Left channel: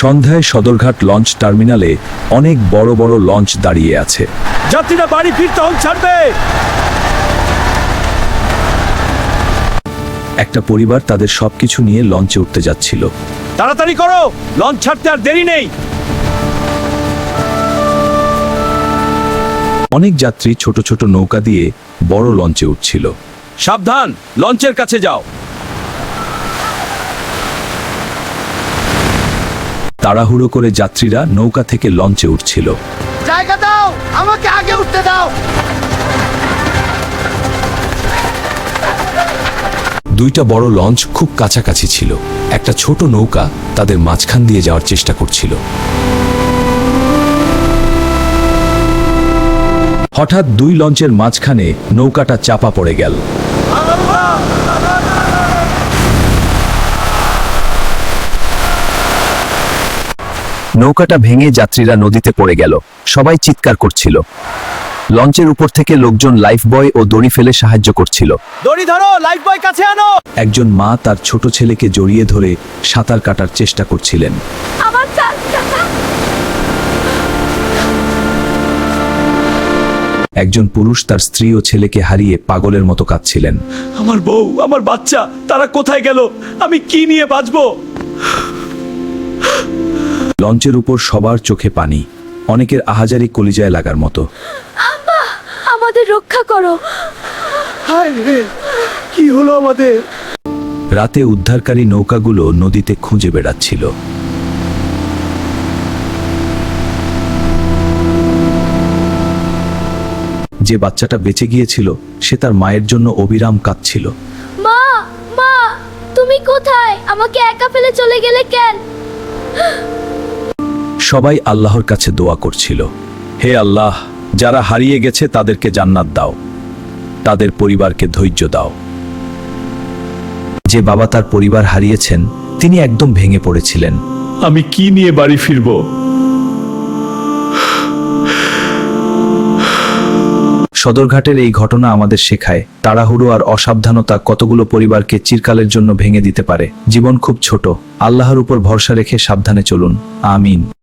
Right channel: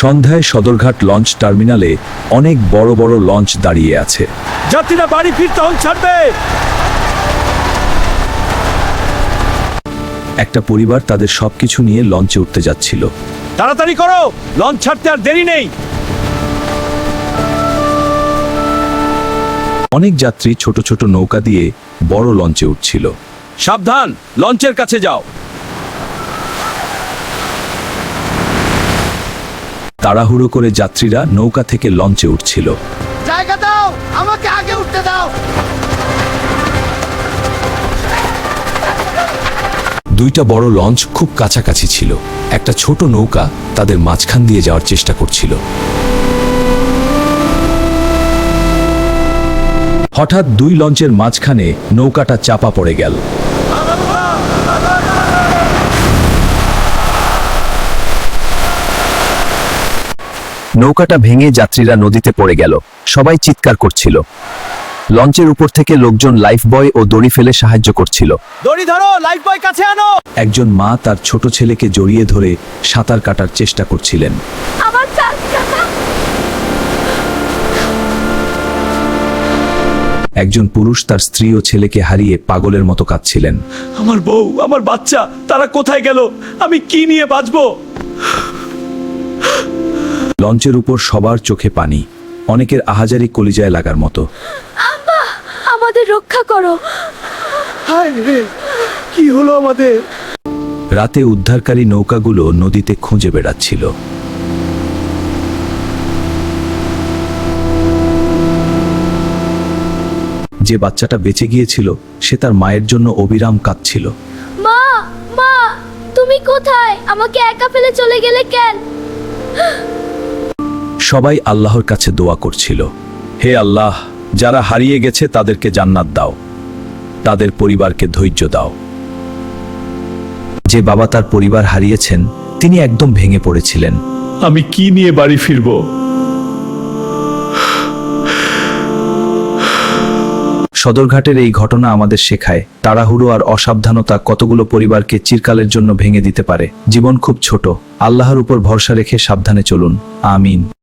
সন্ধ্যায় সদরঘাট লঞ্চ টার্মিনালে অনেক বড় বড় লঞ্চ দাঁড়িয়ে আছে। যাত্রীরা বাড়ি ফিরতে হল ছাড়বে। একটা পরিবার তাদের সবকিছু নিয়ে লঞ্চে উঠতে যাচ্ছিল। তাড়াতাড়ি করো, লঞ্চ ছাড়তে আর দেরি নেই। অনেক যাত্রী ছোট ছোট নৌকা দিয়ে বড় লঞ্চে উঠছিল। সাবধান, লঞ্চের কাছে যাও। তাড়াহুড়ো করে যাত্রীরা নৌকা থেকে লঞ্চে উঠছিল। জায়গা দাও, আমাকে আগে উঠতে দাও। দুইটা বড় লঞ্চ খুব কাছাকাছি ছিল। একটা ছোট নৌকা তাদের মাঝখান দিয়ে যাওয়ার চেষ্টা করছিল। হঠাৎ দুই লঞ্চের মাঝখানে নৌকাটা চাপা পড়ে গেল। নৌকাটা ভেঙে যাত্রীরা নদীতে পড়ে গেল। সবাই চিৎকার করছিল। লঞ্চের উপর থেকে লোকজন লাইফ বয় ও দড়ি ফেলে সাহায্য করছিল। দড়ি ধরো, লাইফ বয় কাছে আনো। একজন মা তার ছোট ছেলেকে জড়িয়ে ধরে সাঁতার কাটার চেষ্টা করছিলেন। আমার চাচা। একজন পুরুষ তার স্ত্রী ও ছেলেকে হারিয়ে পাগলের মতো কাঁদছিলেন। আমার বউ, আমার বাচ্চা, তারা কোথায় গেল? আমি কি নিয়ে বাঁচবো? লঞ্চের উপর সবার চোখে পানি, অনেকের আহাজারি কলিজায় লাগার মতো। আমাদের রক্ষা করো। হায় রে, কি হলো আমাদের? রাতে উদ্ধারকারী নৌকাগুলো নদীতে খুঁজে বেড়াচ্ছিল। যে বাচ্চাটা বেঁচে গিয়েছিল সে তার মায়ের জন্য অবিরাম কাঁদছিল। মা, মা, তুমি কোথায়? আমাকে একা ফেলে চলে গেলে কেন? সবাই আল্লাহর কাছে দোয়া করছিল, হে আল্লাহ, যারা হারিয়ে গেছে তাদেরকে জান্নাত দাও, তাদের পরিবারকে ধৈর্য দাও। যে বাবা তার পরিবার হারিয়েছেন তিনি একদম ভেঙে পড়েছিলেন। আমি কি নিয়ে বাড়ি ফিরবো? সদরঘাটের এই ঘটনা আমাদের শেখায় তাড়াহুড়ো আর অসাবধানতা কতগুলো পরিবারকে চিরকালের জন্য ভেঙে দিতে পারে। জীবন খুব ছোট, আল্লাহর উপর ভরসা রেখে সাবধানে চলুন। আমিন।